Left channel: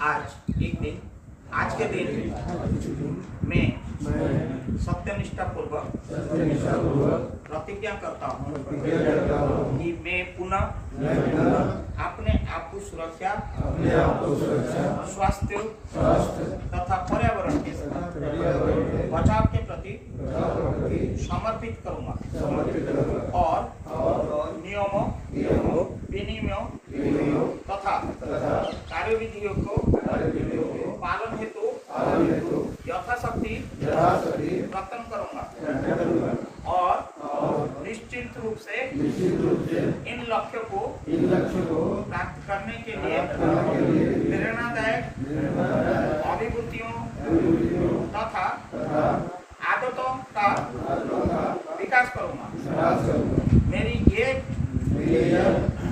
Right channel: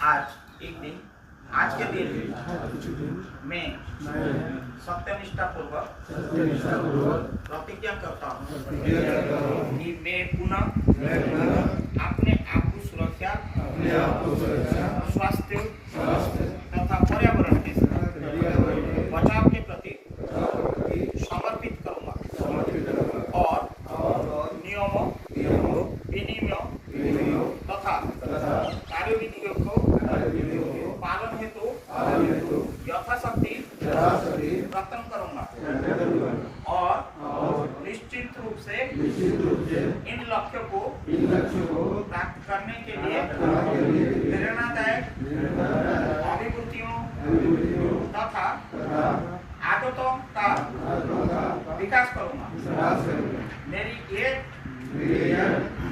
आज के दिन मैं सत्यनिष्ठा पूर्वक प्रतिज्ञा करता हूँ कि मैं पुनः अपने आप को सुरक्षा, स्वास्थ्य तथा पर्यावरण के बचाव के प्रति समर्पित करूँगा और नियमों, विनियमों तथा कार्यविधियों को पालन हेतु यथाशक्ति प्रयत्न करूंगा और निश्चित रूप से इन लक्ष्यों को प्राप्त करने के लिए प्रेरणादायक अभिवृत्तियों तथा आदतों का विकास करूंगा। मेरी ये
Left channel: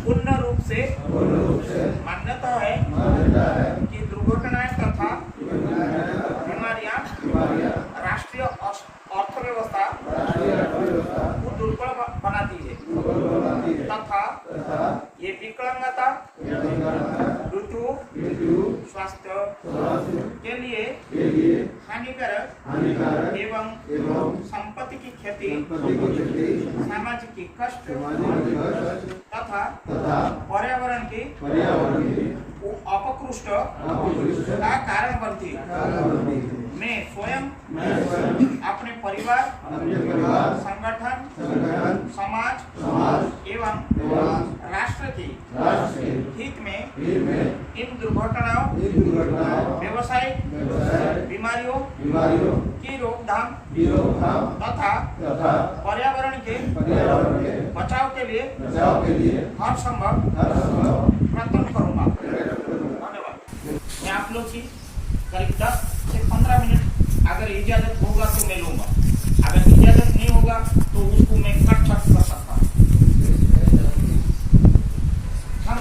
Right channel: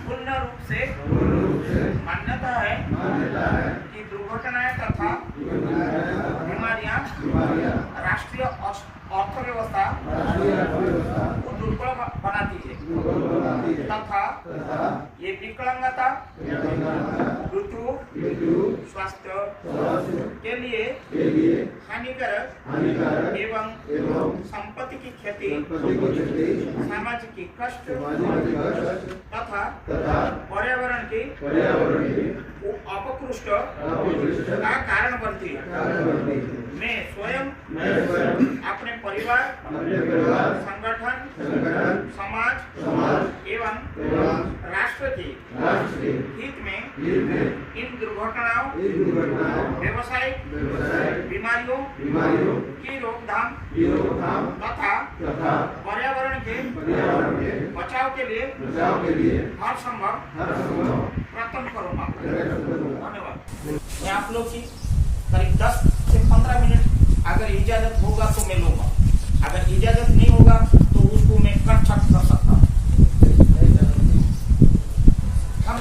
पूर्ण रूप से मान्यता है कि दुर्घटनाएं तथा बीमारियां राष्ट्रीय अर्थव्यवस्था को दुर्बल बनाती है तथा ये विकलांगता, मृत्यु, स्वास्थ्य के लिए हानिकारक एवं संपत्ति की क्षति, सामाजिक कष्ट तथा पर्यावरण की अपकृष्ट का कारण बनती है। मैं स्वयं अपने परिवार, संगठन, समाज एवं राष्ट्र की हित में इन दुर्घटनाओं, व्यावसायिक बीमारियों की रोकथाम तथा पर्यावरण के बचाव के लिए हर संभव प्रयत्न करूंगा। धन्यवाद। मैं आप लोग की करीब 10 से 15 मिनट अगर इजाजत होगा तो मैं लूंगा, अगर इजाजत नहीं होगा तो उसको मैं कट कर सकता हूँ। हम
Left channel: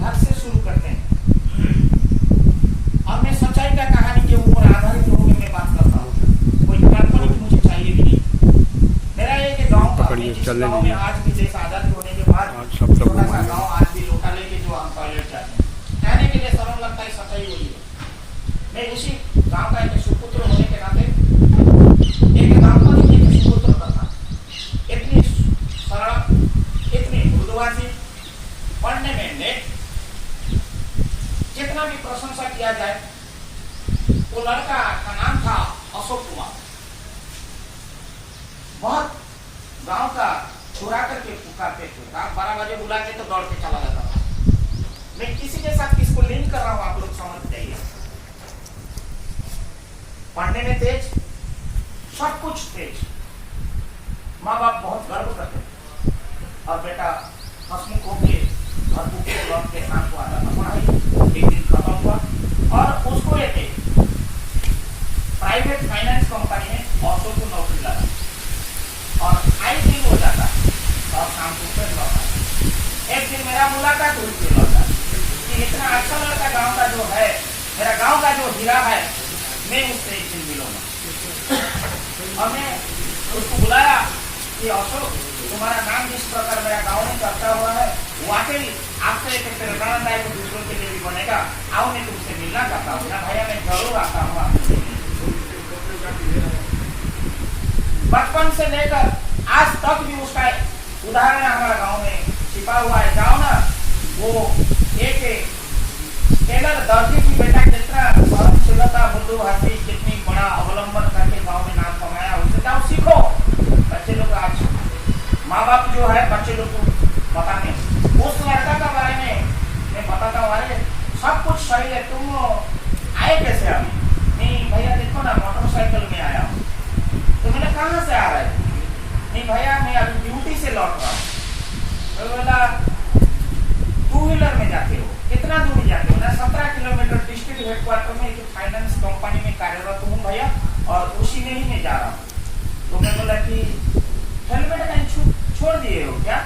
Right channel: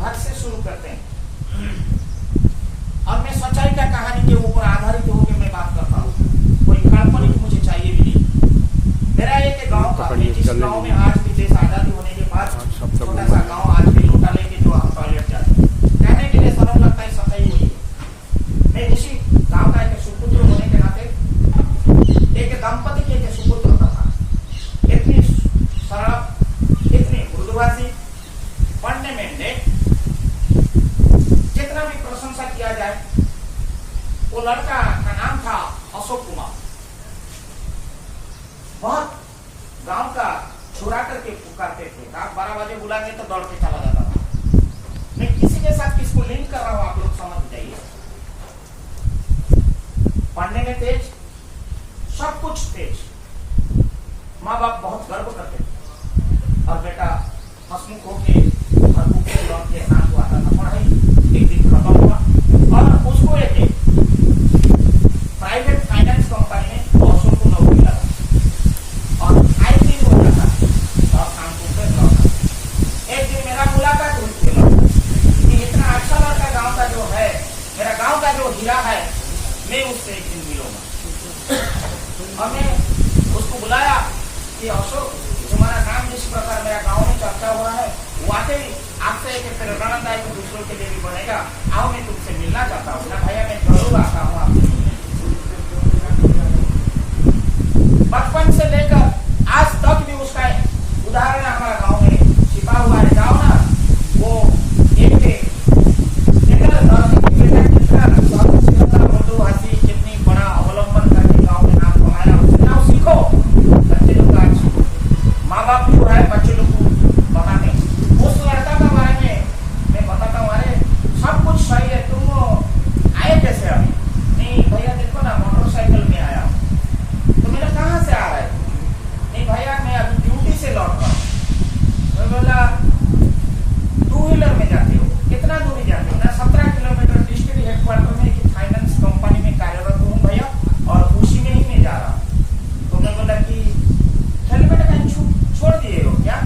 घर से शुरू करते हैं और मैं सच्चाई का कहानी के ऊपर आधारित होकर मैं बात करता हूँ। कोई काल्पनिक मुझे चाहिए भी नहीं। मेरा एक गाँव का, जिस गाँव में आज भी देश आजादी होने के बाद छोटा सा गाँव आज भी लोटा लेके जो हम टॉयलेट जाते हैं, कहने के लिए सरल लगता है, सच्चाई वही है। मैं उसी गांव का एक सुपुत्र होने के नाते एक दंपति के एक सुपुत्र था। इतनी सरल, इतनी मृदुभाषी, पढ़ने में नेट, जितना भी प्रशंसा किया जाए, वो लड़का का नाम था अशोक कुमार। बहुत गांव का चुरा करके पुकारते थे, 12 बजे बुलाएंगे तो दौड़ के चला जाता था। मैं किसी के साथ किसको लिंक कर रहा हूं, आप लोग समझ जाइए। पढ़ने में तेज, सब कुछ तेज, माँ बाप बहुत गर्व करते थे और बेटा हंसमुख होके और भूखे लौट के शाम को आता था पढ़ाई। एक दिन खत्म हुआ और उसको एक प्राइवेट फाइनेंस कंपनी में अशोक को नौकरी लगा और आई दिन हो जाता और शाम को फिर लौटा। एक दिन मेरा मुलाकात हुई थी कि इतना अच्छा लड़का गाँव का जो है, मेरा गाँव का जो हीरा है, मैं उससे एक दिन मिलूंगा। और मैं उसको बुलाया कि अशोक, तुम्हारा नाम जिस प्रकार मेरा गाँव में चर्चा हुआ है, वाकई आपसे एक प्रेरणादायक दूसरों के लिए भी बनेगा। आओ, मैं तुमसे मिलना चाहता हूँ। ना भैया, मैं जरूर आता हूँ। बचपन से लेकर आज तक भी उसका उदाहरण हमारा गाँव में छिपा हुआ है। जाओ ना, वो एक टेलर दर्जी की बेटा कितना सर्वशीलता, मृदुभाषी, कितनी बड़ा अवलंबन करके गाँव में नाम कमाया, उससे जाओ सीखो। बच्चे लोग आज माँ बाप जो है बच्चे लोग को बताने, उस लड़का के बारे में मैं बताता हूँ। अरे सब कुछ सही है, तुम आए कैसे अभी? नहीं भैया देखो ना, मोटरसाइकिल में आया हूँ। तो मैंने कहाँ से आ रहा है? नहीं भैया, मैं अभी ड्यूटी से लौट रहा हूँ। तो बोला 2 व्हीलर में जाते हो? कितना दूर जाते हो? ना 17 किलोमीटर। डिस्ट्रिक्ट हेडक्वार्टर में एक फाइनेंस कंपनी में कार्यरत हूँ भैया, और उसी में ही मैं जा रहा हूँ। तो मैं बोला कि हेलमेट कहीं छोड़ दिए हो क्या?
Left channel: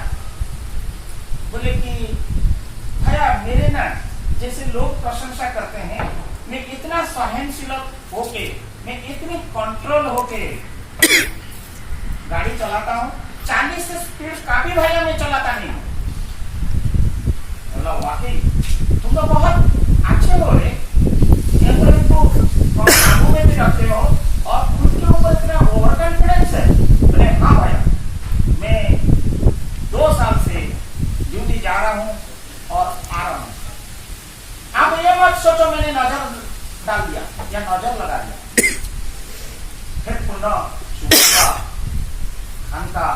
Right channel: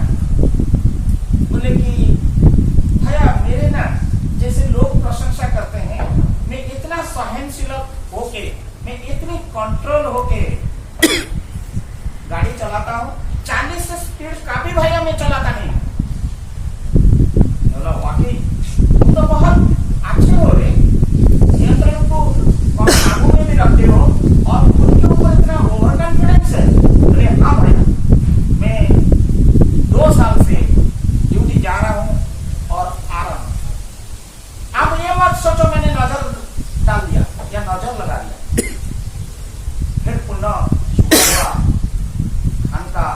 बोले कि भैया, मेरे ना जैसे लोग प्रशंसा करते हैं, मैं इतना सहनशील होके, मैं इतनी कंट्रोल होके गाड़ी चलाता हूँ। 40 से स्पीड का भी भैया मैं चलाता नहीं। बोला वाकई तुम तो बहुत अच्छे हो रहे, सोचो मैंने नजर डाल दिया या नजर लगा दिया, फिर पुनः धन का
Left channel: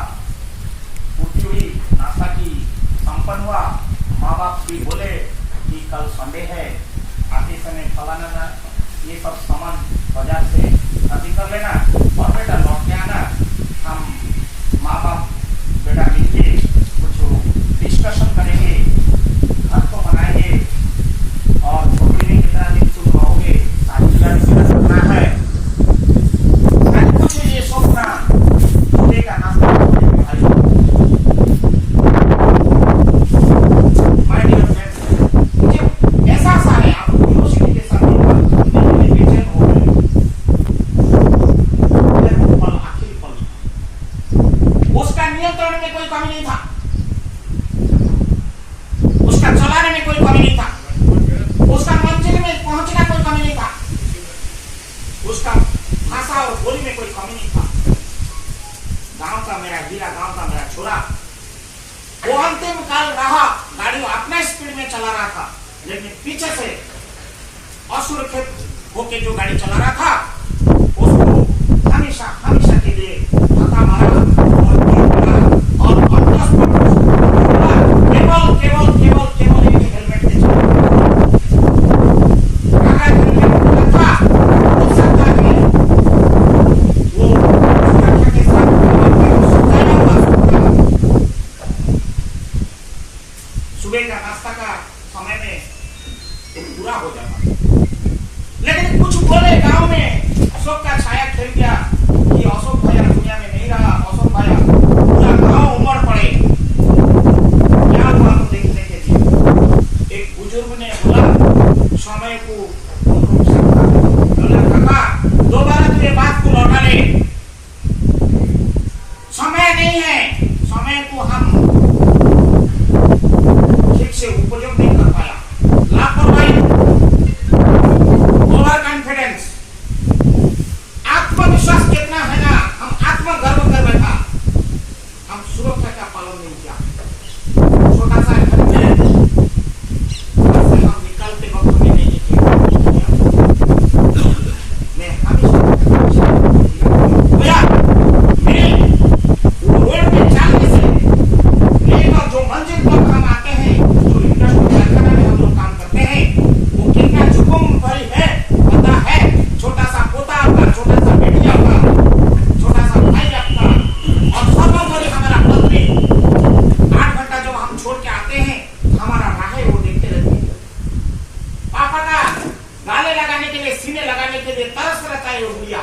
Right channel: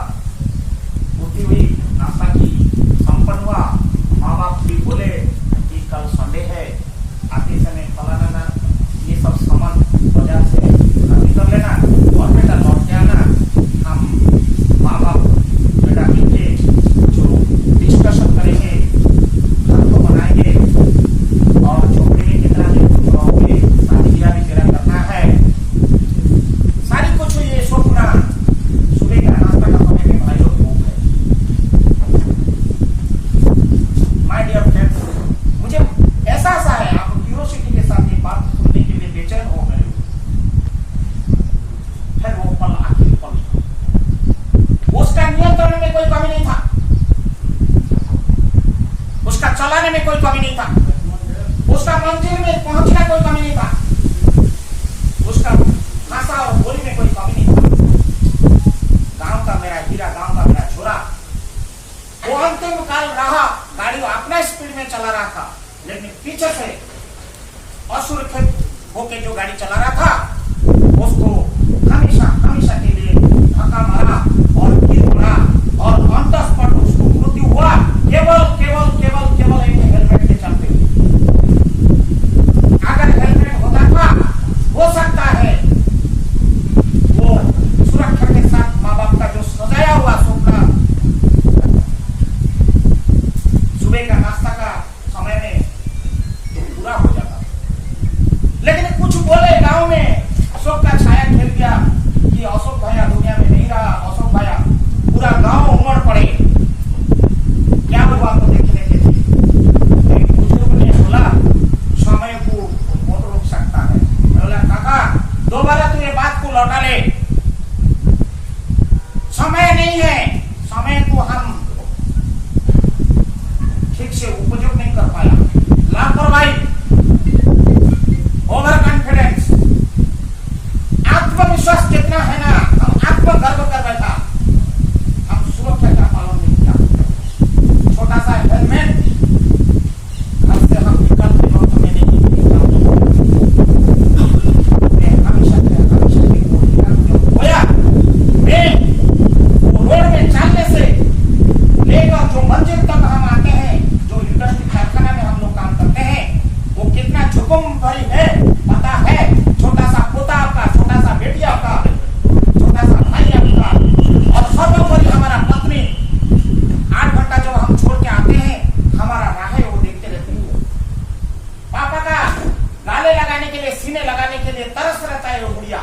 पूर्ति हुई, नाश्ता की संपन्न हुआ। माँ बाप भी बोले कि कल संडे है, आते समय फलाना ना ये सब सामान बाजार से खरीद कर लेना और बेटा लौट के आना। हम माँ बाप बेटा मिलके जो डिस्कशन करेंगे, घर को बनाएंगे और झोपड़ी में कितना दिन तुम रहोगे, शादी ब्याह मेरा करना है, सारी कुछ ये सोचना। सुबह का नाश्ता भाई माय डियर फ्रेंड्स, मुझे ऐसा सा है आप यूनिवर्सिटी के साथ बेचैन हो गए। फिर वो पल आखिरी पल, उसका नियंत्रण में कोई कमी नहीं था, उसका चलाने में कोई कमी नहीं था, उसका मंजिल में पहुंचना कोई कमी नहीं था, उसका भाषा और बोली में कोई कमी नहीं था। गांव का मेरा हीरा, गांव का मेरा छोरा, वो अंतिम काल रहा, गाड़ी अपना स्पीड में चला रहा था, लेकिन पीछे से असुरक्षित होके जो गाड़ी चला रहा था उसको हमेशा हमेशा के लिए धक्का मारा और गिरा और ऑन द स्पॉट हुआ। केवल केवल केवल केवल एक हेलमेट से चला। अगर हेलमेट खुला था हो सकता है वो सुरक्षा के साथ काम कर सुनाया हुआ सुना। सुबह का नाश्ता का समय में तो पूरा हो जाता, लेकिन कुछ बोले गांव में अशोक का छाया खेल गया कि अशोक भैया दुनिया में नहीं रहा, अशोक भैया पूरा गांव उमड़ पड़े। क्या हुआ तो देखने के थे। एक बुजुर्ग ने बोला समय को बहुत रोक सकता है। बोला काका दोबारा तू ये बात को लौटा ले, समय नहीं है, समय को हम ठीक से उपयोग नहीं कर पाया। लापरवाही, ओवर कॉन्फिडेंस, आत्मविश्वास कितना है ना, हम आत्मगर्व कर बैठा, हम सुरक्षा का पालन नहीं किया। छोटा सा हेलमेट रास्ते हम निकलते वक्त में नहीं किया। भैया मैं रोड में चलने से लेकर जो मंजिल तक हम आते हैं, जो इंडस्ट्री कारखाना में हम लोग काम करते हैं, वो कितना जोखिम भरी है पता है। छोटा सा पोता आपका, छोटा सा बेटी आपका, छोटा सा भाई आपका, और सर्वोपरि हमारा पत्नी। 8 घंटा जब हम छोड़ के आते हैं, हमारा राह वो देखते रहते हैं। पापा का गाले लगाने के लिए, सीने लगाने के लिए तरस रहता है वो गुड़िया,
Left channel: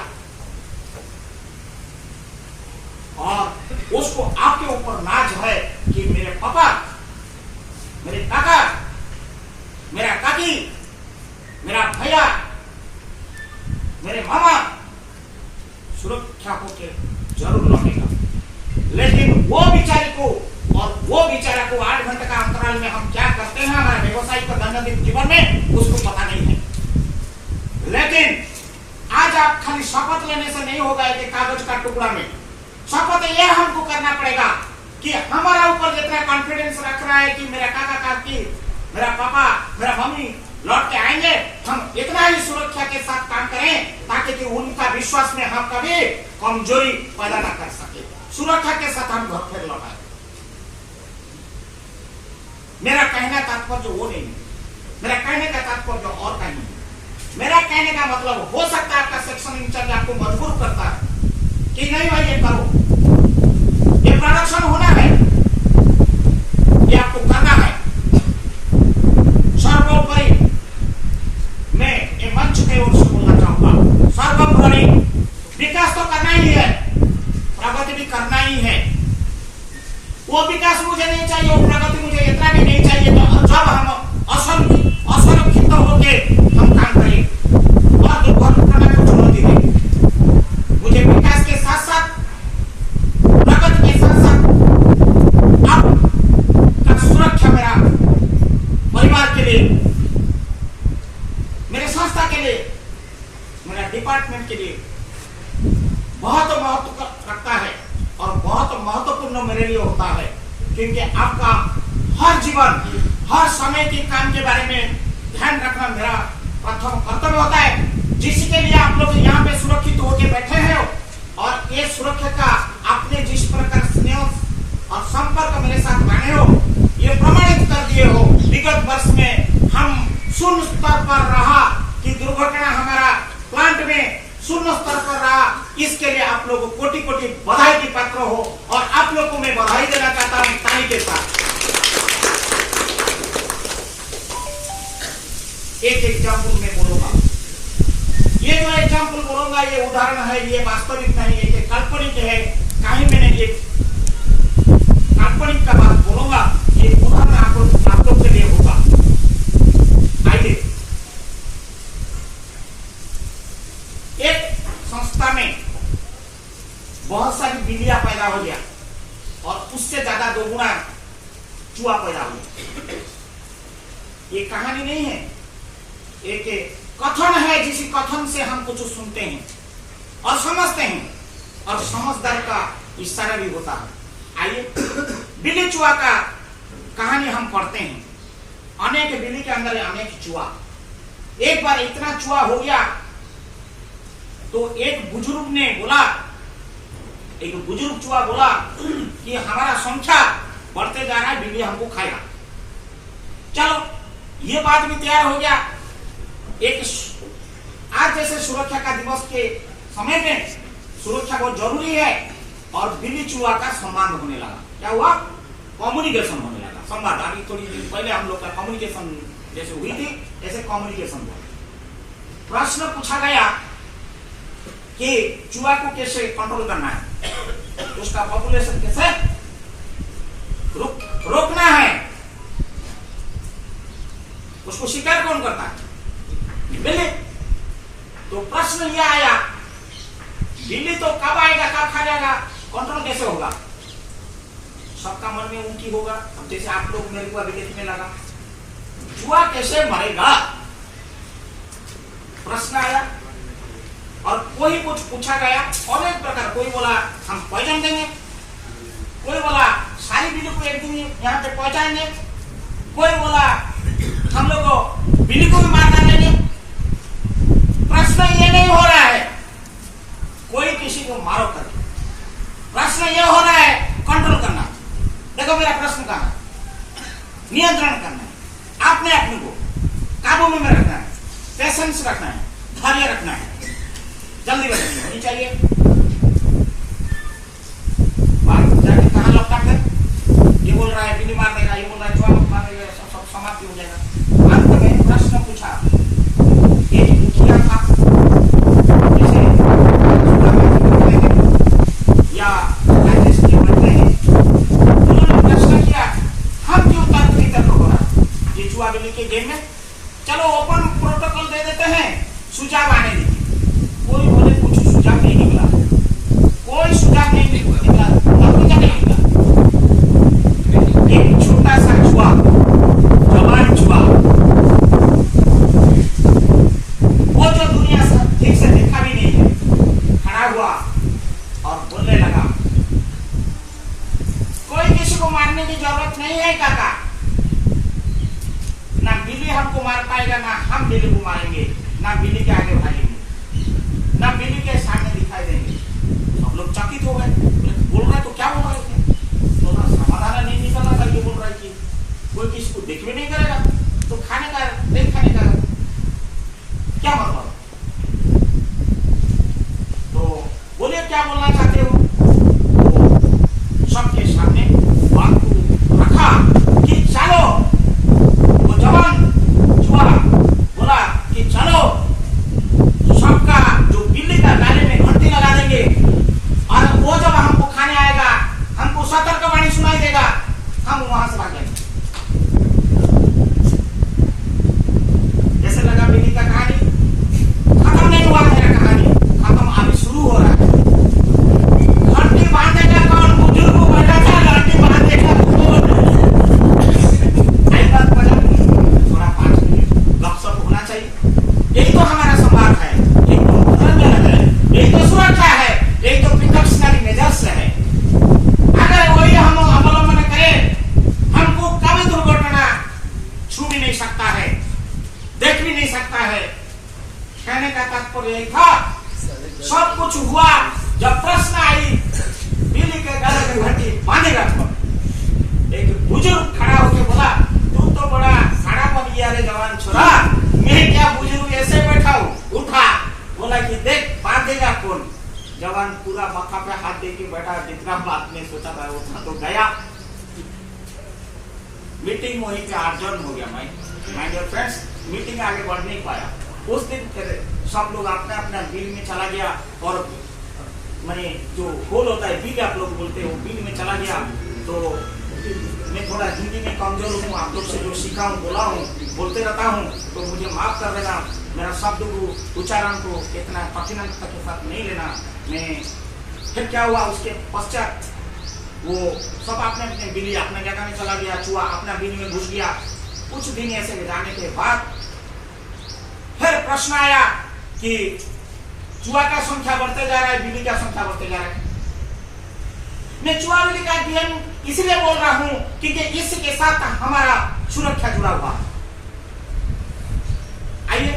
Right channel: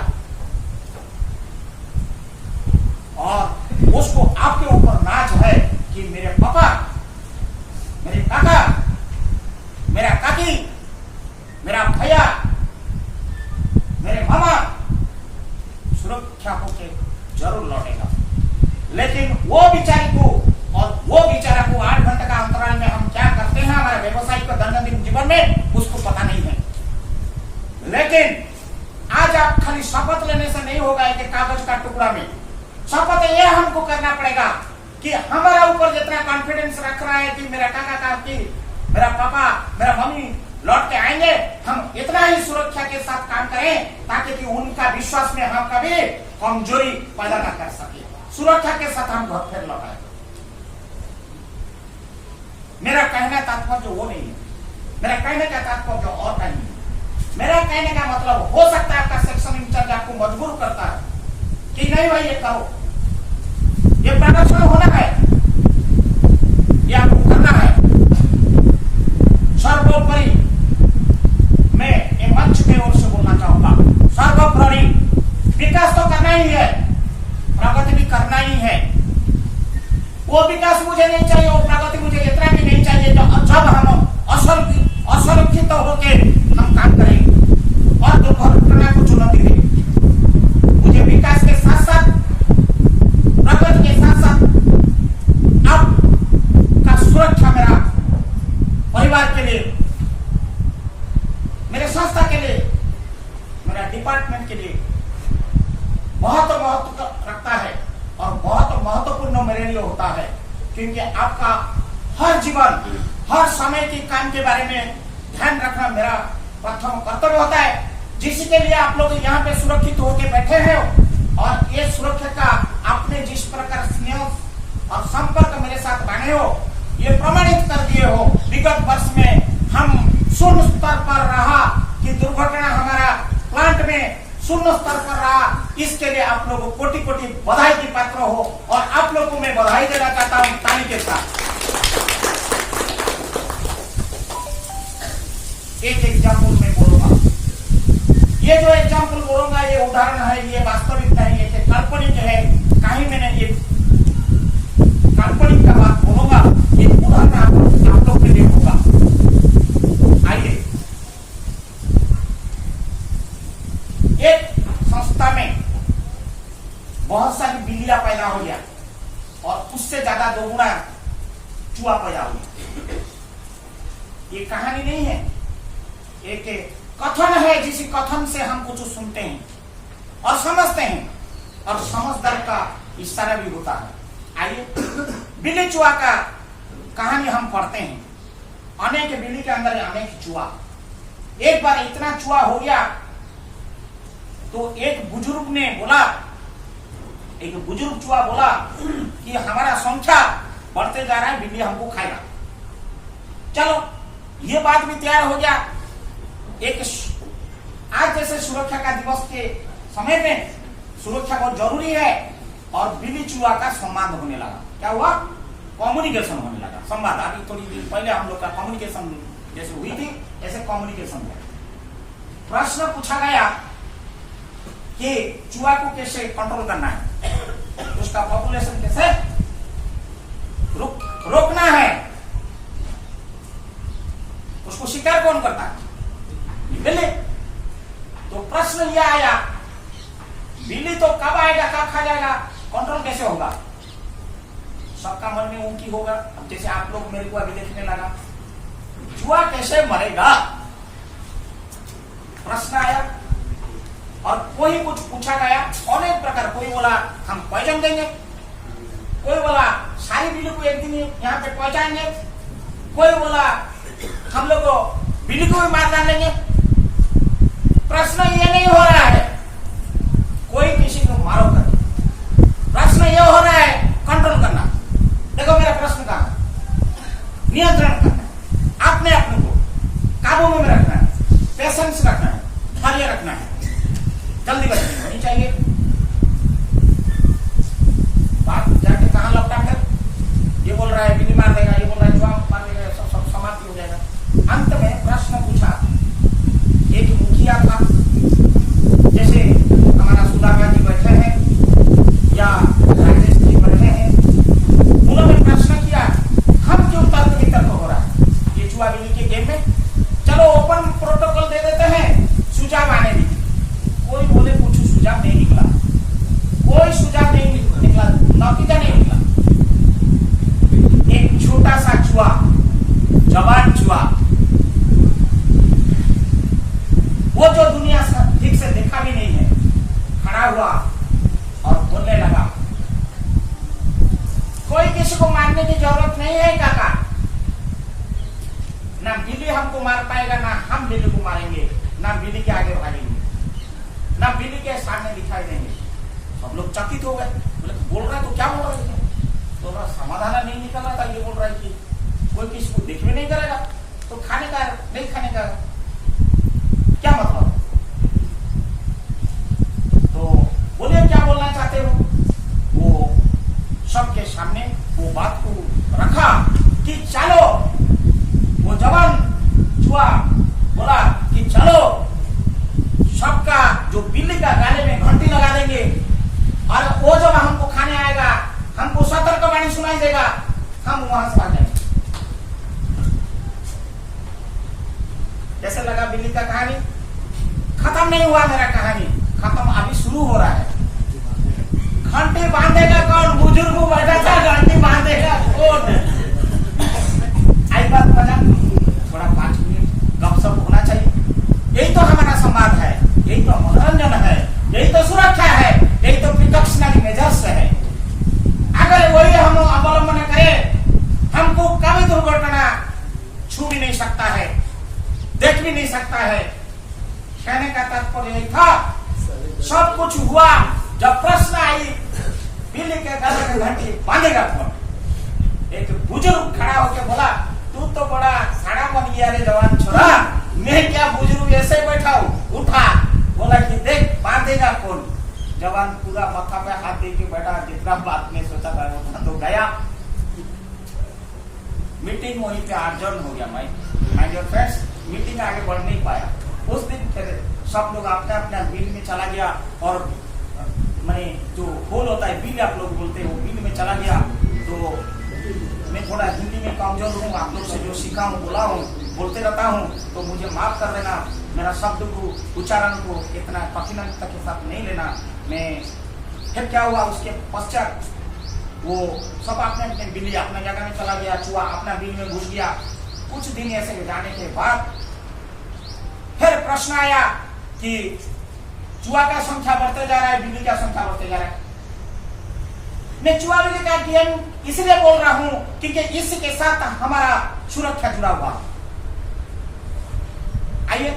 और उसको आपके ऊपर नाज है कि मेरे पापा, मेरे काका, मेरा काकी, मेरा भैया, मेरे मामा सुरक्षा होके जरूर लौटेगा। लेकिन वो बेचारे को और वो बेचारा को 8 घंटे का अंतराल में हम क्या करते हैं हमारे व्यवसायिक दैनंदिन जीवन में, उसको पता नहीं है। लेकिन आज आप खाली शपथ लेने से नहीं होगा एक कागज का टुकड़ा में। शपथ ये हमको करना पड़ेगा कि हमारा ऊपर जितना कॉन्फिडेंस रख रहा है कि मेरा काका काकी, मेरा पापा, मेरा मम्मी लौट के आएंगे, हम इतना ही सुरक्षा के साथ काम करें ताकि कि उनका विश्वास में हम कभी कमजोरी पैदा ना कर सके। सुरक्षा के साथ हम घर फिर लौटाए। मेरा कहने का तात्पर्य वो नहीं है, मेरा कहने का तात्पर्य और कहीं नहीं। मेरा कहने का मतलब हो सकता है आपका सेक्शन इंचार्ज आपको मजबूर करता है कि नहीं भाई ये करो, ये प्रोडक्शन होना है, ये आपको करना है। सर्वोपरि मैं एक मंच की ओर से बोलना चाहूंगा, सर्वोपरि विकास तो करना ही है, प्रगति भी करना ही है। वो विकास मुझे नहीं चाहिए, वो प्रगति मुझे इतना भी नहीं चाहिए तो जब हम असुरक्षित होके हम काम करें और दुर्घटना को चुनौती दें। मुझे विकास के साथ साथ, प्रगति के साथ साथ अब का सुरक्षा मेरा परिवार के लिए, मेरे संस्था के लिए, मेरा डिपार्टमेंट के लिए बहुत महत्व रखता है और बहुत महत्वपूर्ण मेरे लिए होता है, क्योंकि आपका हर जीवन, हर समय के काम के बारे में ध्यान रखना मेरा प्रथम कर्तव्य होता है, जिसके लिए आप लोग यहाँ पे सुरक्षित होके बैठे हैं। और ये सुरक्षा का आपने जिस प्रकार स्नेह और संपर्क मेरे साथ माने हो, ये प्रमाणित कर दिए हो। विगत वर्ष में हम शून्य स्तर पर रहा कि दुर्घटना हमारा प्लांट में शून्य स्तर पर रहा, इसके लिए आप लोगों को कोटि कोटि बधाई की पात्र हो। और आप लोगों को मैं बधाई देना चाहता हूँ ताली के साथ। एक एग्जाम्पल में बोलूंगा, ये जो एग्जाम्पल बोलूंगा ये उदाहरण है, ये वास्तविक नहीं है, ये काल्पनिक है। कहीं मैंने ये काल्पनिक का बात बोलूंगा, ये उदाहरण आप लोग के लिए होगा। आइए, एक संस्था में बहुत सारी बिल्लियां पैदा हो गया और उससे ज्यादा 2 गुना चूहा पैदा हो गया। ये कहानी नहीं है, एक कथन है, जिस कथन से हम कुछ सुनते हैं और समझते हैं, और समझदार का इशारा भी होता है। आइए, बिल्ली चूहा का कहानी हम पढ़ते हैं। अनेक बिल्ली के अंदर अनेक चूहा। एक बार इतना चूहा हो गया तो एक बुजुर्ग ने बोला, एक बुजुर्ग चूहा बोला कि हमारा संख्या बढ़ते जा रहा है, बिल्ली हमको खाएगा। चलो, ये बात भी तैयार हो गया। एक आज जैसे सुरक्षा का दिवस के समय में सुरक्षा बहुत जरूरी है, और बिल्ली चूहा का संवाद होने लगा। क्या हुआ? कम्युनिकेशन होने लगा, संवाद। अभी थोड़ी देर पहले हम लोग का कम्युनिकेशन जैसे हुई थी, ऐसे कम्युनिकेशन हुआ। प्रश्न पूछा गया कि चूहा को कैसे कंट्रोल करना है, उसका पॉपुलेशन कैसे रोकना है, उसको शिकार कौन करता है? बिल्ली। तो प्रश्न यह आया, बिल्ली तो कब आएगा, कब खा जाएगा, कंट्रोल कैसे होगा? सबका मन में उनकी होगा। जैसे आप लोग मेरे को अभी देखने लगा, चूहा कैसे मरेगा, प्रश्न आया। और कोई कुछ पूछा गया, अनेक प्रकार। कोई बोला हम पहचान देंगे, कोई बोला सारी बिल्ली को एक दिन यहाँ पे पहुंचाएंगे, कोई बोला हम लोग को बिल्ली को भी मार डालेंगे। प्रश्न ये नहीं हो रहा है कोई किसी को मारो कर, प्रश्न ये हो रहा है कंट्रोल करना। देखो मेरा प्रश्न कहाँ है? नियंत्रण करना है, अपने अपने को काबू में रखना है, पेशेंस रखना है, धैर्य रखना है, जल्दीबाजी नहीं होनी चाहिए। बात जाके कहाँ लगता है? ये बोल रहा है बिल्ली मार देगा, ये बोल रहा है चूहा मार देगा, सब समाप्ति हो जाएगा। अंत में प्रश्न पूछा, एक मुखिया था, जैसे सुदामा जी बैठे हैं या राजेश जी बैठे हैं, उन्होंने प्रश्न किया, हम क्यों तर्क वितर्क हो रहा है ये चूहा बिल्ली के गेम में? चलो ओपन प्रोटोकॉल दे देते हैं, सुझाव आने दीजिए। कोई बोले कुछ सुझाव नहीं निकला, कोई सुझाव नहीं निकला, नतीजा नहीं निकला। एक छोटा सा चूहा, जवान चूहा, वो जो दुनिया से ठीक से देखा भी नहीं है, खड़ा हुआ और बोलने लगा, कोई किसी को मारने की जरूरत नहीं है काका, ना बिल्ली हमको मार पाएगा, ना हम बिल्ली को मारेंगे, ना बिल्ली के आगे भागेंगे, ना बिल्ली के सामने दिखाई देंगे। सब लोग चकित हो गए, बोल रहे तो क्या बोल रहे थे? तो ना समाधान नहीं निकल रहा था। ये बोल रहा है कि कोई किसी को देख भी नहीं करेगा, तो खाने का नहीं खाने का क्या मतलब? तो बोलिए क्या बोलना चाहते हो? तो सबके सामने वो बात को रखा कि चलो, वो जवान चूहा बोला कि चलो सबका जो बिल्ली का गाले में घंटी लगा देंगे, और वो जब हमको खाने आएगा, हमको सतर्कवाणी सुनाई देगा, हम वहां से भाग जाएंगे। कैसे लगा बिल्ली का कहानी? खत्म नहीं हुआ मेरा कहानी, खत्म अभी शुरू हो रहा है। घंटी बांधेगा कौन? बुजुर्ग को बैठा था, घंटी बांधेगा कौन? आई बात मजा, थोड़ा 5 मिनट गपशप होना चाहिए। यही तो हमारा समाज है, यही तो मनोरंजन है, यही तो सुरक्षा है, यही तो प्रिकॉशनरी मेजर्स है। अगर वही हम अवलंबन करें, हमको कभी दुर्घटना छू भी नहीं सकता है। देख भी नहीं सकता है। कहने का तात्पर्य यही था, सब कुछ हुआ जब प्रश्न आई बिल्ली के गले में घंटी बांधेगा कौन। एक बुजुर्ग खड़ा होकर बोला, तू तो बड़ा साड़ा बन गया रे जवान छोरा, मैं क्या बुजुर्ग ऐसे बैठा हूँ। उठा, बोला कि देख बांधेगा कौन। जवान पूरा मक्का पे हाथ दे के बैठा, जितना बात में सोचा था उतना तो गया। मीटिंग वहीं पे आयोजन हो गया। माय डियर फ्रेंड्स, मीटिंग आगे बढ़ नहीं पाया। उस दिन फिर सब लोग अपना अपना बिल में चला गया, और मैंने जो होल होता है बिल आप लोग बोलते हो, बिल में चला गया। तो मैं थोड़ा हिंदी में कमजोर हूँ, आप लोग से जो सीखा हूँ बोला हूँ बोलते रहता हूँ, तो मुझे माफ कर देना। मेरा शब्द को उच्चारण को इतना कठिनता के साथ नहीं लेना। मैं फिर क्या हुआ, उसके पश्चात वो सब अपने अपने बिल्ली अपने जगह में चला गया, चूहा अपना बिल में घुस गया। कुछ दिन ऐसे जाने के बाद फिर प्रश्न आया कि चूहा का संख्या बढ़ते जा रहा है, बिल्ली का संख्या बढ़ते जा रहा है। मैं चूहा बिल्ली का अध्ययन इसलिए बोल रहा हूं क्योंकि इसके साथ हमारा सुरक्षा जुड़ा हुआ। आइए,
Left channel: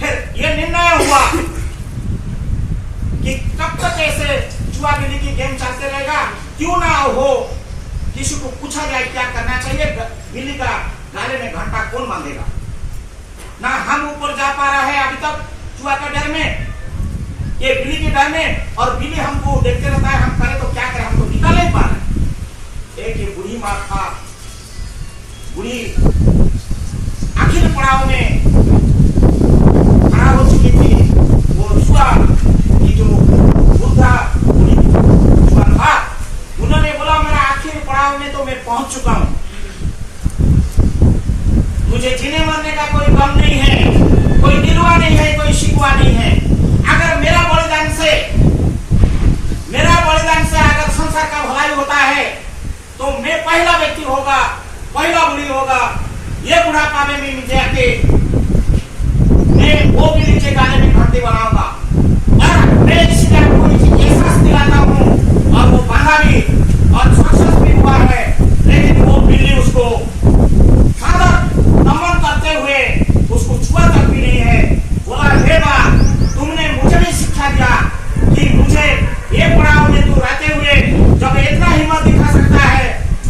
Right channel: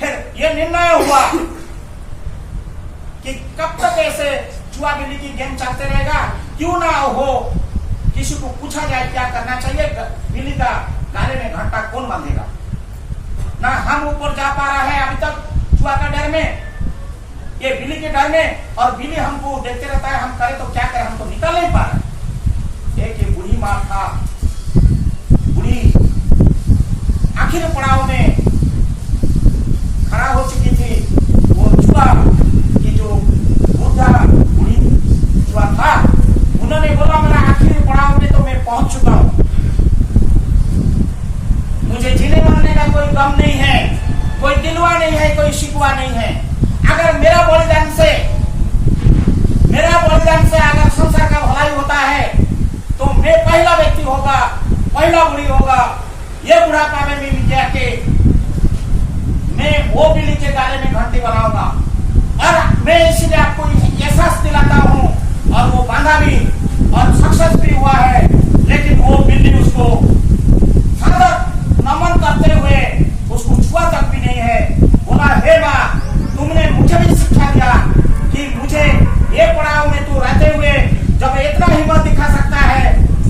फिर यह निर्णय हुआ कि कब तक ऐसे चूहा बिल्ली की गेम चलते रहेगा। क्यों ना हो, किसी को पूछा जाए क्या करना चाहिए, बिल्ली का गाले में घंटा कौन बांधेगा। ना हम ऊपर जा पा रहा है अभी तक चूहा का डर में, ये बिल्ली के डर में, और बिल्ली हमको देखते रहता है, हम करें तो क्या करें, हमको निकल नहीं पा रहे। एक बूढ़ी माँ था, बूढ़ी आखिरी पड़ाव में खड़ा हो चुकी थी। वो चूहा की जो वृद्धा बूढ़ी चूहा था, उन्होंने बोला मेरा आखिरी पड़ाव में तो मैं पहुंच चुका हूं, मुझे जीने मरने का कोई गम नहीं है, कोई गिलवा नहीं है, कोई शिकवा नहीं है। अगर मेरा बलिदान से अगर संसार का भलाई होता है तो मैं पहला व्यक्ति होगा, पहला बुढ़ी होगा। ये बुढ़ापा में भी मुझे आके मैं वो भी नीचे गाले में घंटी बनाऊंगा। और मैं इसलिए आपको एहसास दिलाता हूँ, और वो बांधा भी और सक्सेस भी हुआ है। लेकिन वो बिल्ली उसको नमन करते हुए उसको छुआ तक भी नहीं है। बोला, हे माँ, तुमने मुझे भी शिक्षा दिया कि मुझे ये पड़ाव में तू रहते हुए जब इतना हिम्मत दिखा सकता है,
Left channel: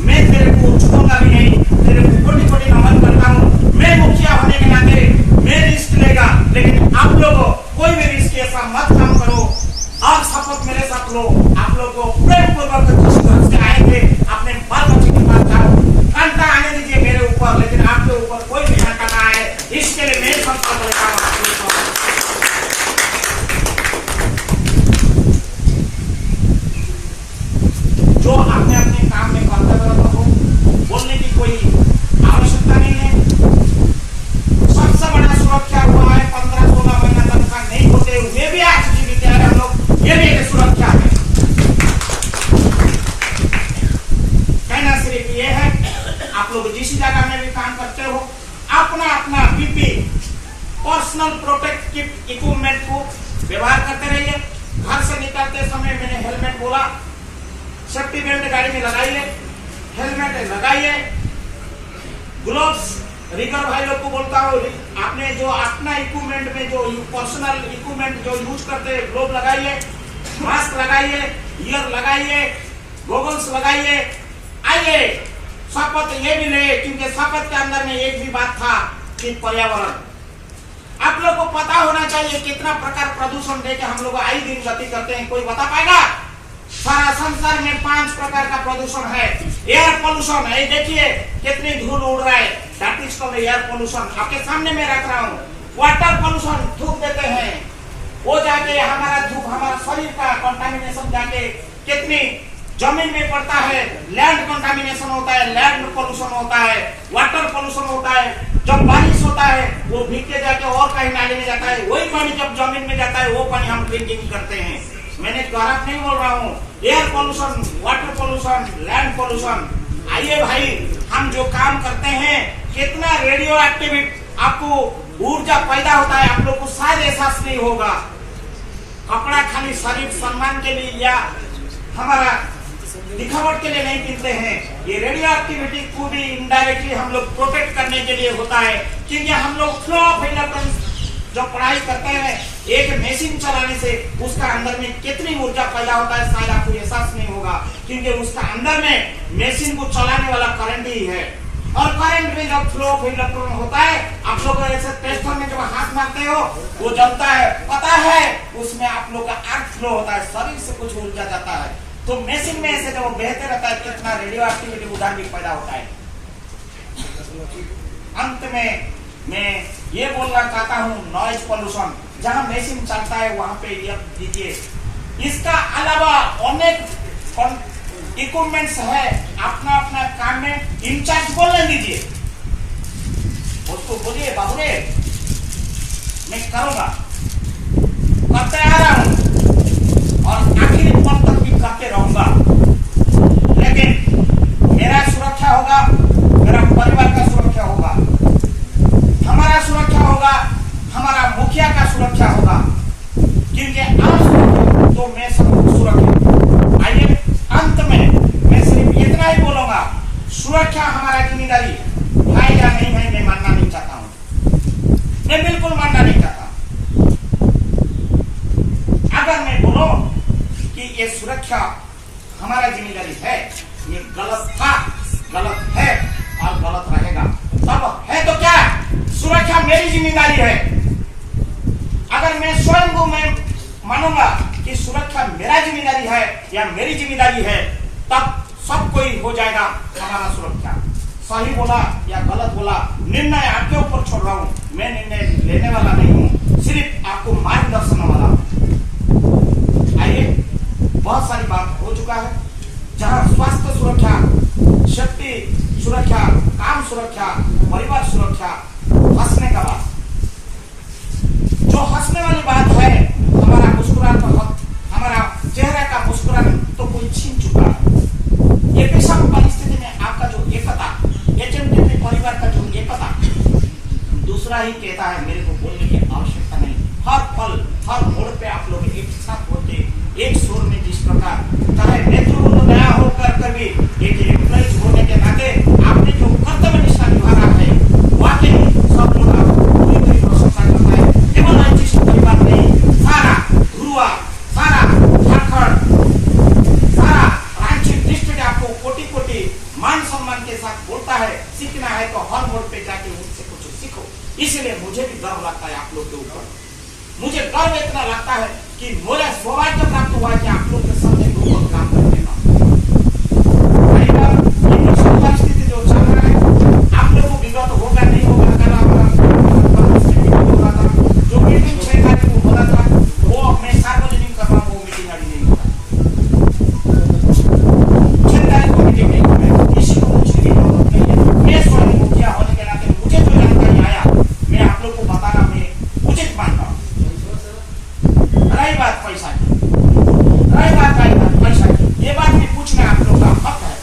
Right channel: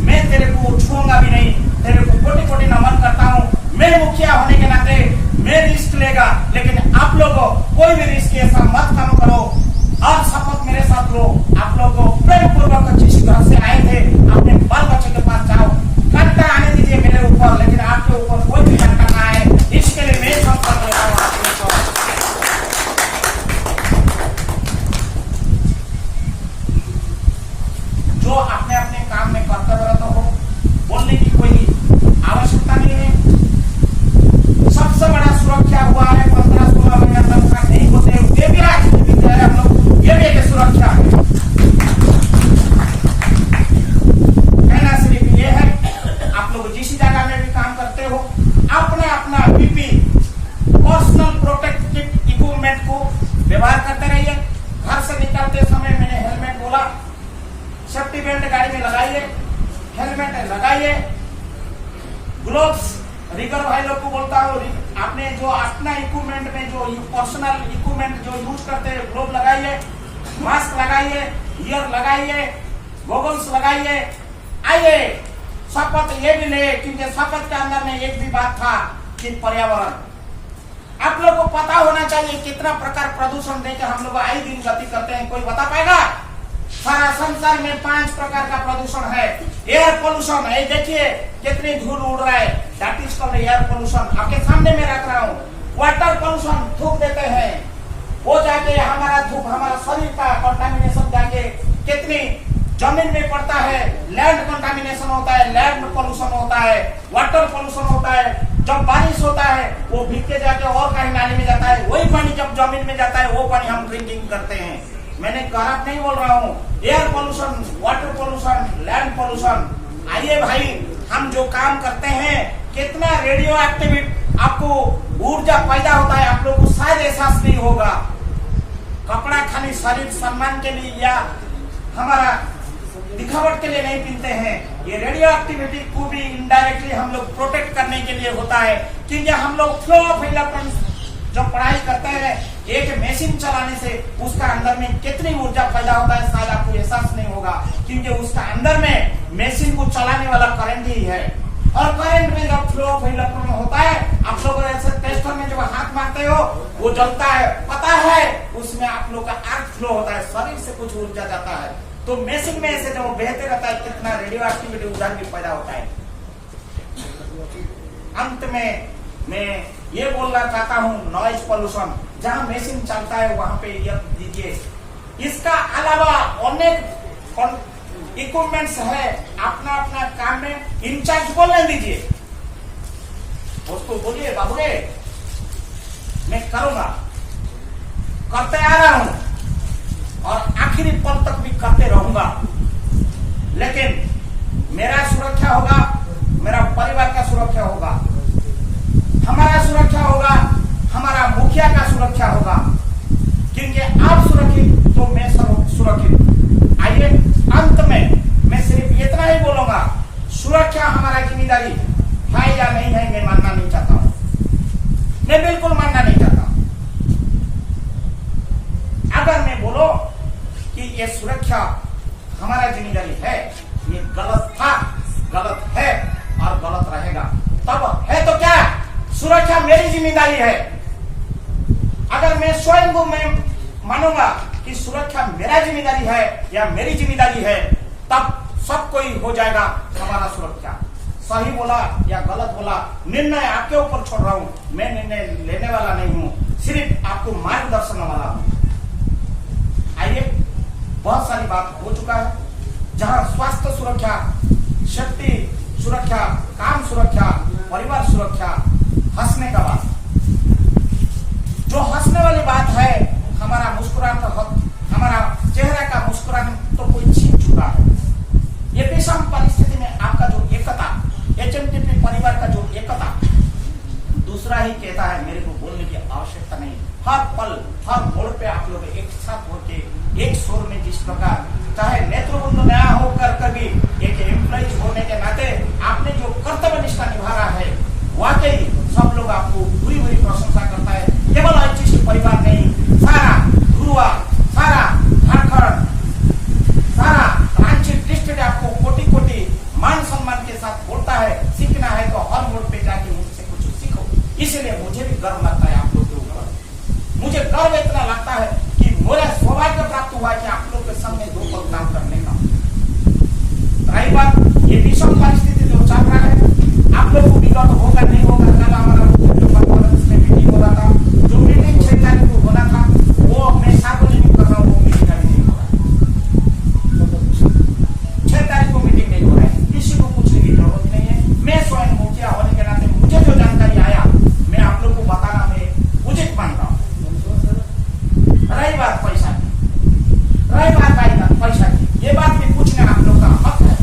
मैं तेरे को छूऊंगा भी नहीं, तेरे को कोटि कोटि नमन करता हूँ। मैं मुखिया होने के नाते मैं रिस्क लेगा, लेकिन आप लोगों कोई भी रिस्क ऐसा मत काम करो। आप शपथ मेरे साथ लो, आप लोग को प्रेम पूर्वक जिस घर से आए थे अपने बाल बच्चे के पास जाओ, घंटा आने दीजिए मेरे ऊपर, लेकिन आपके ऊपर कोई भी घंटा ना आए, इसके लिए मैं संकल्प लेता हूँ आपके ऊपर। जो अपने अपने काम में कर्तव्यरत हो, बोलने की कोई आवश्यकता नहीं है। सबसे बड़ा सुरक्षा हुआ है 15-16 महीना तक नहीं होते हुए भी आज की विद्यालय हम लोग ये लेके सुरक्षा है। कहना सिर्फ ये है, आप लोग जिस जगह में भी काम करते हो, अपना अपना पीपी पर्सनल प्रोटेक्टिव इक्विपमेंट को व्यवहार करते रहिए। घर से निकलते समय मैंने हेलमेट बोला, सेफ्टी बेल्ट गाड़ी में लगाइए, हेलमेट लगाइए, ग्लोव्स रिगर भाई लोग को बोलता हूँ, आपने जो अपना इक्विपमेंट में जो पर्सनल इक्विपमेंट जो यूज करते हैं, ग्लोव लगाइए, मास्क लगाइए, ईयर लगाइए, गॉगल्स लगाइए। आइए, शपथ ये भी ले, क्योंकि शपथ के अंदर में एक भी बात था कि पर्यावरण। आप लोग को पता होना चाहिए कितना प्रकार प्रदूषण देके हम लोग आए दिन गति करते हैं, कोई बता पाएगा? सारा संसार में 5 प्रकार का प्रदूषण है। एयर पोल्यूशन है, देखिए कितनी धूल उड़ रहा है, that is called air pollution. आपके सामने में रख रहा हूँ। वाटर पोल्यूशन, थूक देते हैं, वो जाके हमारा धूप हमारा शरीर का कंटामिनेशन जाके कितनी जमीन में पड़ता है। लैंड कंटामिनेशन होता है, लैंड पोल्यूशन होता है, वाटर पोल्यूशन होता है। जब बारिश होता है वो भीग के जाके और कहीं नाली में जाता है, वही पानी जब जमीन में जाता है वो पानी हम ड्रिंकिंग करते हैं। मैंने खराब नहीं बोल रहा हूँ। Air pollution, water pollution, land pollution. आइए भाई, हम जो काम करते हैं कितना रेडियो एक्टिव आपको ऊर्जा पैदा होता है, आप लोग को शायद एहसास नहीं होगा। कपड़ा खाली शरीर सम्मान के लिए या हमारा दिखावट के लिए नहीं पीते हैं। ये रेडियो एक्टिविटी को भी इनडायरेक्टली हम लोग प्रोटेक्ट करने के लिए होता है, क्योंकि हम लोग फ्लो ऑफ इलेक्ट्रॉन जो पढ़ाई करते हैं, एक मशीन चलाने से उसका अंदर में कितनी ऊर्जा पैदा होता है शायद आपको एहसास नहीं होगा, क्योंकि उसका अंदर में मशीन को चलाने वाला करंट ही है। और करंट में जब फ्लो ऑफ इलेक्ट्रॉन होता है, आप लोग ऐसे टेस्टर में जब हाथ मारते हो वो जलता है, पता है उसमें आप लोग का अर्थ फ्लो होता है, शरीर से कुछ ऊर्जा जाता है। तो मशीन में ऐसे जब वो बहते रहता है कितना रेडियो एक्टिविटी उधर भी पैदा होता है। अंत में मैं ये बोलना चाहता हूँ, नॉइज पोल्यूशन जहाँ मशीन चलता है वहां पे ये दीजिए। इसका अलावा अनेक इक्विपमेंट्स है, अपना अपना काम में इंचार्ज बोलने दीजिए, उसको बोलिए बाबू रे मैं करूंगा, करते आ रहा हूं और आखिरी पल तक भी करते रहूंगा, लेकिन मेरा सुरक्षा होगा, मेरा परिवार का सुरक्षा होगा, हमारा सुरक्षा होगा, हमारा मुखिया का सुरक्षा होगा, क्योंकि आप सुरक्षित तो मैं सुरक्षित। आइए अंत में मैं सिर्फ इतना ही बोलूंगा, सुरक्षा हमारा जिम्मेदारी है या नहीं है, मैं मानना नहीं चाहता हूं, मैं बिल्कुल मानना नहीं चाहता। अगर मैं बोलूं कि ये सुरक्षा हमारा जिम्मेदारी है, ये गलत था, गलत है और गलत रहेगा। तब है तो क्या सुरक्षा मेरी जिम्मेदारी है। अगर मैं स्वयं को मैं मानूंगा कि सुरक्षा मेरा जिम्मेदारी है या मेरी जिम्मेदारी है, तब सब कोई हो जाएगा हमारा सुरक्षा। सही बोला या गलत बोला निर्णय आपके ऊपर छोड़ रहा हूं, मैं निर्णय लेने वाला नहीं हूं, सिर्फ आपको मार्गदर्शन वाला हूं। आइए, बहुत सारी बात हो चुका है, जहां स्वास्थ्य सुरक्षा, शक्ति सुरक्षा, काम सुरक्षा, परिवार सुरक्षा, हंसने का बात, जो हंसने वाली बात है, हमारा मुस्कुरान का हक, हमारा चेहरे का मुस्कुरान तो कोई छीन चुका है। ये विषम परिस्थिति में आपका जो एकता, एचएमटीपी परिवार का जो एकता, दूसरा ही कहता है, मेरे को बोलने की आवश्यकता नहीं। हर पल हर मोड़ पे आप लोग एक साथ होते एक शोर में, जिस प्रकार चाहे नेतृत्व नया होकर भी एक एम्प्लॉइज होने के नाते आपने जो कर्तव्य निष्ठा निभा रहा है, वाकई सब लोग आपको पूरी पूरी प्रशंसा करता है। केवल जिस परिवार नहीं, सारा ध्रुवा, सारा झारखंड, सारा रांची डिस्ट्रिक्ट आपको कोटि कोटि मान सम्मान के साथ बोलता है। सीखना है तो हर मोड़ पे जाके मुझसे कुछ सीखो। इसलिए मुझे भी गर्व लगता है आप लोग के ऊपर। मुझे गर्व इतना लगता है कि मेरा सौभाग्य प्राप्त हुआ है कि आप लोग के सामने दो वक्त काम करने का। कई बार ये विषम परिस्थिति जो चल रहा है, आप लोग को विगत होगा नहीं होगा, कल हमारा होगा था, जो मीटिंग 6 तारीख को बोला था, वो मैं सार्वजनिक कर रहा हूँ, वो मीटिंग अभी नहीं हो रहा है। 6 तारीख को मीटिंग नहीं हो रहा है, किसी को पूछने की जरूरत नहीं है। मैं स्वयं मुखिया होने के नाते मुझे जो जानकारी आया, मैं आप लोग को बताना मैं उचित मानता हूँ। रही बात पैसा की, पैसा की, ये बात भी पूछना आप लोग का हक है।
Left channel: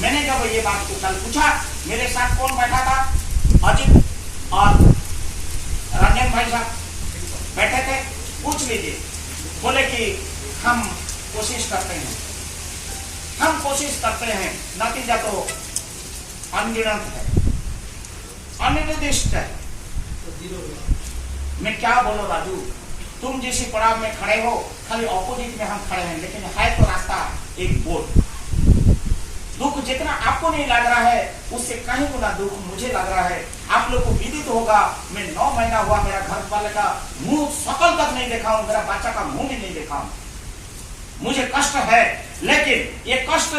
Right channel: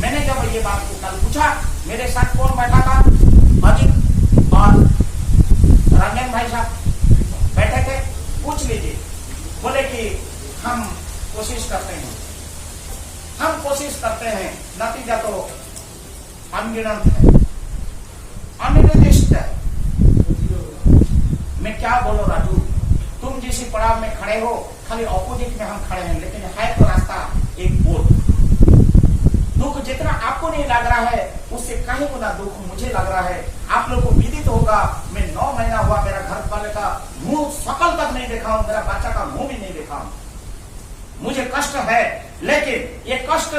मैंने जब ये बात को कल पूछा, मेरे साथ कौन बैठा था? अजित और रंजन भाई साहब बैठे थे। पूछ लीजिए, बोले कि हम कोशिश करते हैं, हम कोशिश करते हैं, नतीजा तो अनगिनत है, अनिर्दिष्ट है। मैं क्या बोलो राजू, तुम जिस पड़ाव में खड़े हो, खाली ऑपोजिट में हम खड़े हैं, लेकिन है तो रास्ता एक बोर्ड। दुख जितना आपको नहीं लग रहा है, उससे कहीं गुना दुख मुझे लग रहा है। आप लोग को विदित होगा, मैं 9 महीना हुआ मेरा घर वाले का मुंह सकल तक नहीं देखा हूं, मेरा बच्चा का मुंह भी नहीं देखा हूं। मुझे कष्ट है, लेकिन ये कष्ट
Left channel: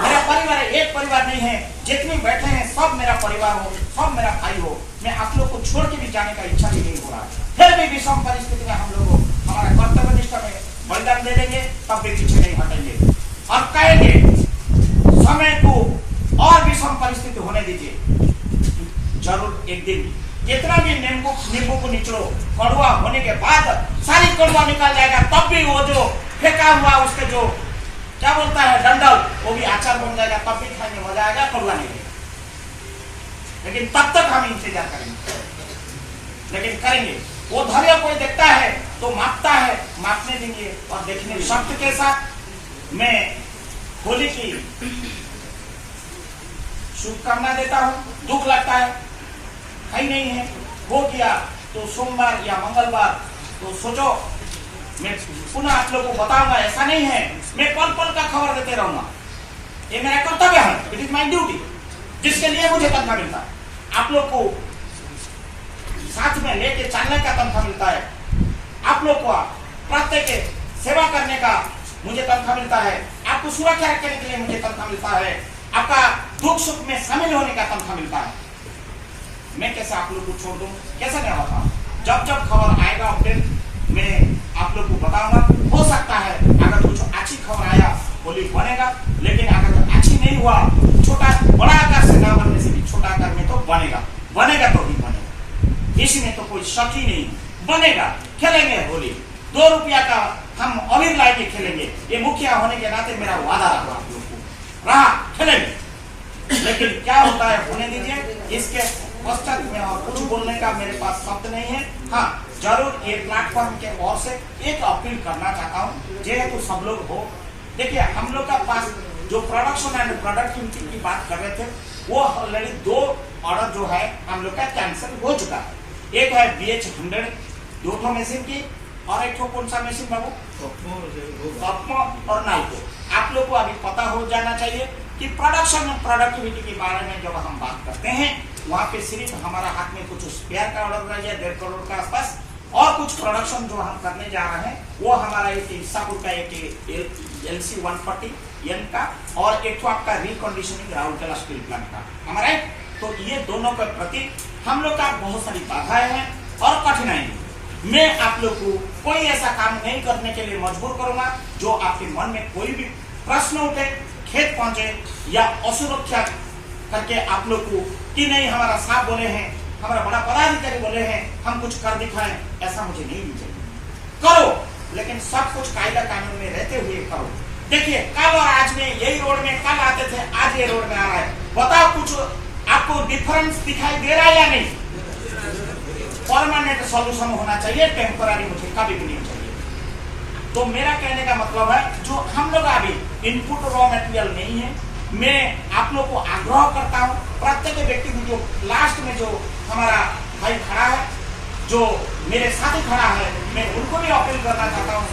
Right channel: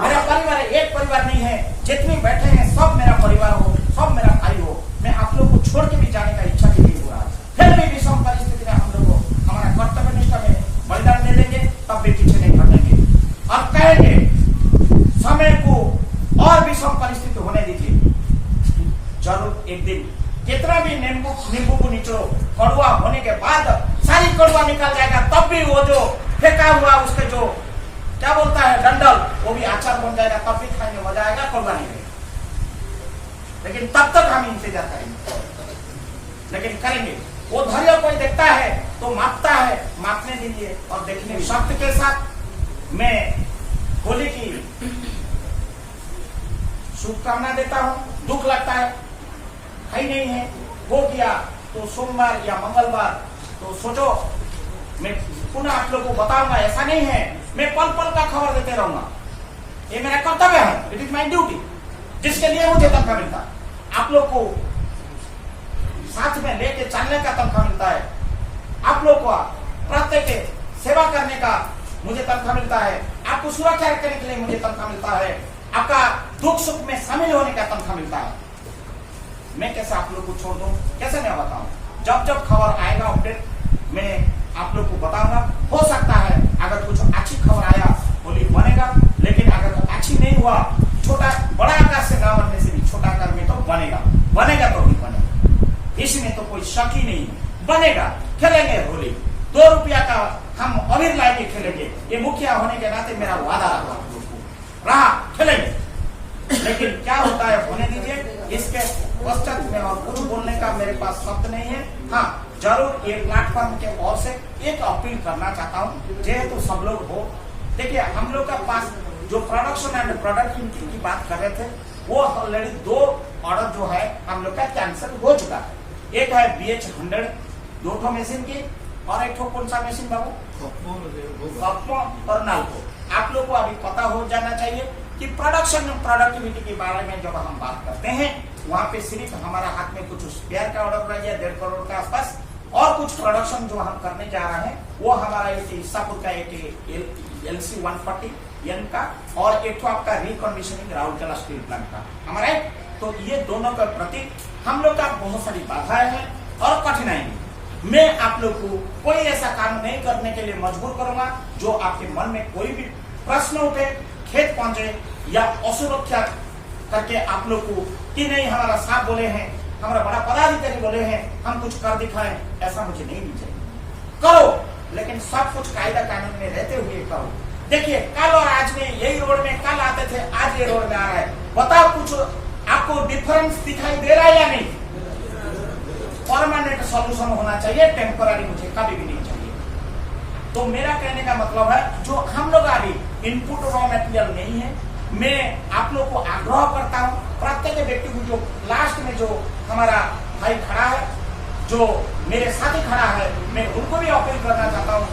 मेरा परिवार एक परिवार नहीं है, जितने बैठे हैं सब मेरा परिवार हो, सब मेरा भाई हो। मैं आप लोग को छोड़ के भी जाने का इच्छा नहीं हो रहा है। फिर भी विषम परिस्थिति में हम लोग हमारा कर्तव्य निष्ठा में बलिदान दे देंगे, तब भी पीछे नहीं हटेंगे और कहेंगे समय को और विषम परिस्थिति होने दीजिए। जरूर एक दिन कितना भी नींबू को निचलो, कड़वा होने के बाद सारी कड़वा निकाल जाएगा, तब भी वो जो फेंका हुआ उसके जो क्या बोलता है डंडल, वो भी अचार बन जाएगा, तब भी खाएंगे, मजा आएगा, कड़वा नहीं है। लेकिन तब तक हम इंतजार करेंगे, लेकिन करेंगे। वो धैर्य कोई देखता है तो मापता है, मापने दीजिए और देखने शब्द के साथ मैं होली की शुभकामना देता हूँ। दुख लगता है कहीं नहीं है वो किया तो सोमवार या मंगलवार तो सोचो मैं पुनः आप लोगों को बताऊंगा, ऐसा नहीं है मैं पल पल का खबर देते रहूंगा। ये मेरा कर्तव्य है, इट इज माई ड्यूटी, जिसके लिए मुझे तनख्वाह मिलता है। आप लोग को साथ में लेके चलने का तनख्वाह मिलता है, आप लोग को प्रत्येक सेवा करने का मुझे तनख्वाह मिलता है, आपको सुरक्षा करने के लिए मुझे तनख्वाह मिलता है, आपका दुख सुख में शामिल होने का तनख्वाह मिलता है। मैं कैसे आप लोग को छोड़ दूं, कैसे नहीं बताऊं? जब जब खबर आएगा अपडेट मैं आप लोग को बताऊंगा। हो सकता है अगर कुछ अच्छी खबर आया होली बनेगा, लेकिन अगर अच्छी नहीं हुआ, छोटा बड़ा आकार से न बनने से भी छोटा आकार में तो बनेगा, बनेगा तो ही बनेगा, इसमें तो कोई शक ही नहीं। बनेगा, खेलेंगे होली, 2 रुपया का हम अबीर लाके खेलेंगे, ये मुखिया होने के नाते मेरा वादा रहा आप लोग को, रहा खेलेंगे। लेकिन क्या होता है होने दीजिए, इसके पश्चात में और कुछ बोलने का मेरे पास शब्द नहीं है। हाँ जरूर एक प्लेटफॉर्म के ओर से एक अपील करना चाहता हूँ, जेहेतु सब लोग हो, देखिए हम लोग का पास जो प्रोडक्शन एंड प्रोडक्टिविटी की बात कर रहे थे वो ऑलरेडी 2 ऑर्डर जो है हम लोग का कैंसिल हो चुका है। एक है BH100 2 मशीन की और एक कौन सा मशीन बाबू, कॉस्मो और नाल्को। आप लोग को अभी पता हो जाना चाहिए कि प्रोडक्शन और प्रोडक्टिविटी के बारे में जब हम बात करते हैं वहाँ पे सिर्फ हमारा हाथ में कुछ स्पेयर का ऑर्डर रह गया 1.5 करोड़ के आसपास, और कुछ प्रोडक्शन जो हम करने जा रहे हैं वो हमारा एक ईसापुर का एक LC 140 एम का और एक तो आपका रिकंडीशनिंग राउरकेला स्टील प्लांट का हमारा। तो ये दोनों के प्रति हम लोग का बहुत सारी बाधाएं हैं और कठिनाई है। मैं आप लोग को कोई ऐसा काम नहीं करने के लिए मजबूर करूंगा जो आपके मन में कोई भी प्रश्न उठे, खेत पहुंचे या असुरक्षा करके आप लोग को कि नहीं हमारा साथ बोले हैं, हमारा बड़ा पदाधिकारी बोले हैं, हम कुछ कर दिखाएं, ऐसा मुझे नहीं चाहिए। करो, लेकिन सब कुछ कायदा कानून में रहते हुए करो। देखिए कल और आज में यही रोड में कल आते थे, आज ये रोड में आ रहा है, बताओ कुछ आपको डिफरेंस दिखाई दे रहा है या नहीं? परमानेंट सॉल्यूशन होना चाहिए, टेम्पररी मुझे कभी भी नहीं चाहिए। तो मेरा कहने का मतलब है जो हम लोग अभी इनपुट रॉ मटेरियल नहीं है, मैं आप लोग को आग्रह करता हूँ प्रत्येक व्यक्ति को, जो लास्ट में जो हमारा भाई खड़ा है, जो मेरे साथी खड़ा है, मैं उनको भी अपील करना चाहता हूँ,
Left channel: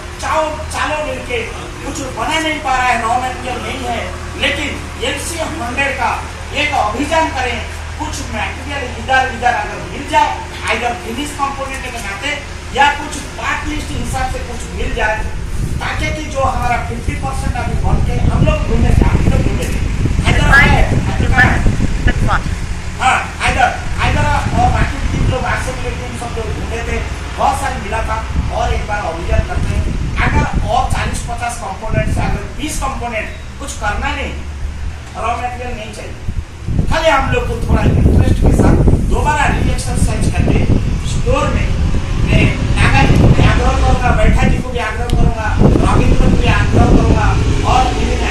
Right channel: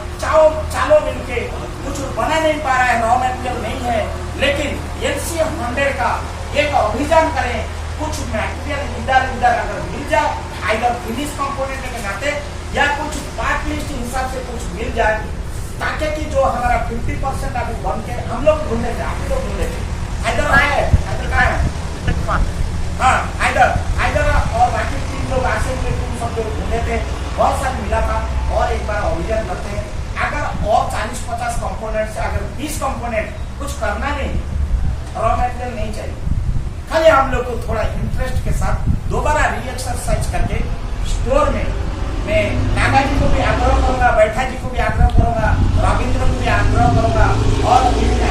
चालो मिलके कुछ बना नहीं पा रहा है, रॉ मटेरियल नहीं है, लेकिन LC 100 का एक अभियान करें, कुछ मटेरियल इधर अगर मिल जाए, आइदर फिनिश कंपोनेंट के नाते या कुछ पार्ट लिस्ट हिसाब से कुछ मिल जाए, ताकि कि जो हमारा 50% अभी बन के हम लोग घूमने जाए तो घूमने हाँ आइदर और बाकी 3 लोग ऐसे टीम सब लोग घूमे थे, बहुत सारी मिला था और एक बार अभियान करते हैं। अगर और 40-50 कंपोनेंट से अगर 20 कंपोनेंट कुछ करना नहीं, रॉ मटेरियल नहीं चाहिए, खाली हम लोग को थोड़ा इंटरेस्ट के साथ दोबारा री एक्सरसाइज करके स्टोर में मैं नागा जी को भी आग्रह करूंगा, बैठा जी को भी आग्रह करूंगा, रविंद्र को भी आग्रह करूंगा और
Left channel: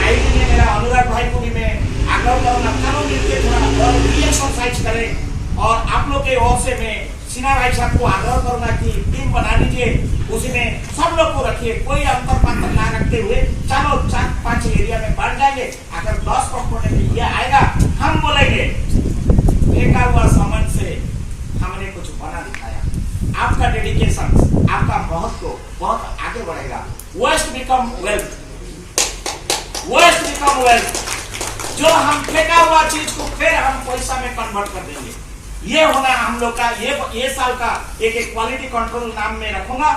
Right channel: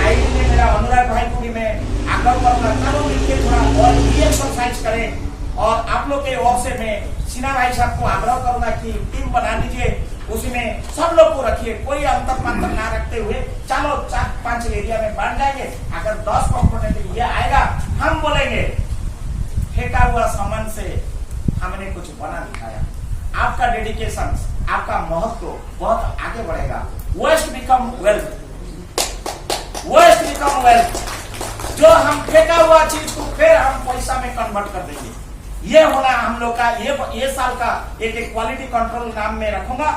आईडी में मेरा अनुराग भाई को भी मैं आग्रह करूंगा, चलो मिलकर थोड़ा और री एक्सरसाइज करें। और आप लोग के ओर से मैं सिन्हा भाई साहब को आग्रह करूंगा कि टीम बना लीजिए, उसी में सब लोग को रखिए, कोई अंतर पातर ना रखते हुए चलो 4-5 एरिया में बढ़ जाएंगे। अगर 10 कंपोनेंट ये आएगा, हम बोलेंगे फेंका हुआ सामान से हमने कुछ बना दिखाया। आपका डेडिकेशन, आपका महत्व बहुत आगे बढ़ेगा। Waste become wealth, waste become wealth. जो हम फेंका हुआ चीज को फिर हम पैसा में कन्वर्ट कर देंगे, ये होना हम लोग का ये साल का एक क्वालिटी कंट्रोल नाम में रखूंगा।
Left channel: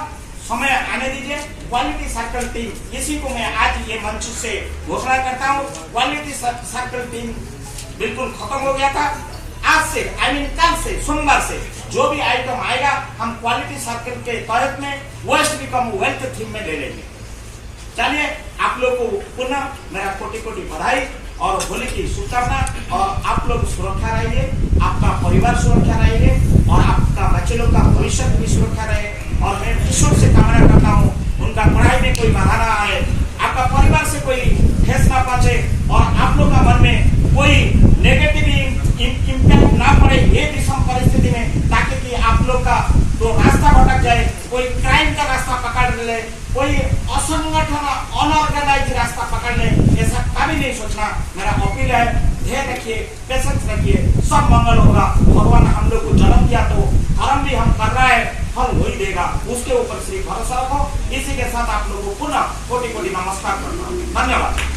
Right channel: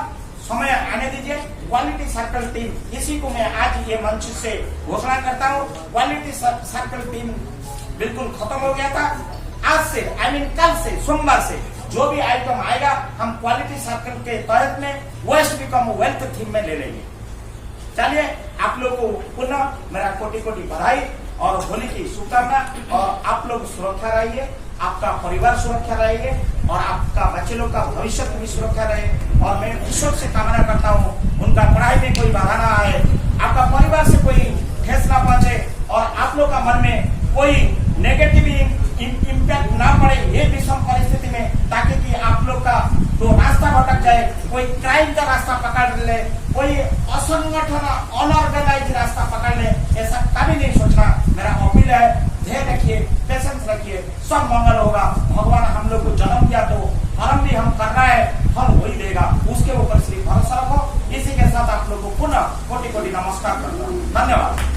समय आने दीजिए। क्वालिटी सर्कल टीम, इसी को मैं आज ये मंच से घोषणा करता हूँ। क्वालिटी सर्कल टीम बिल्कुल खत्म हो गया था। आज से कल से सोमवार से जो भी आइटम आएगा हम क्वालिटी सर्कल के तहत में वेस्ट बिकम वेल्थ थीम में ले लेंगे। चलिए, आप लोग को पुनः मेरा कोटि कोटि बधाई और होली की शुभकामना। और आप लोग सुरक्षा रहिए, आपका परिवार सुरक्षा रहिए और आपका बच्चे लोग का भविष्य भी सुरक्षा रहे। और मैं ईश्वर से कामना करता हूँ उनका पढ़ाई में कोई बाधा ना आए, आपका परिवार से कोई ठेस ना पहुंचे और आप लोग का मन में कोई नेगेटिव इम्पैक्ट ना पड़े ये विषम परिस्थिति में, ताकि कि आप लोग का तो रास्ता भटक जाए, कोई क्राइम का रास्ता पकड़ ले, कोई असंगठन अनऑर्गेनाइज रास्ता पकड़ ले, ऐसा कभी सब मंगल होगा। भगवान हम लोग को जन्म दिया तो कर्म भी हम कर रहे हैं, फल वही देगा, उसके ऊपर सिर्फ भरोसा रखो। इसी के साथ आप लोग को पुनः कोटि कोटि नमस्कार करता हूँ। धन्यवाद।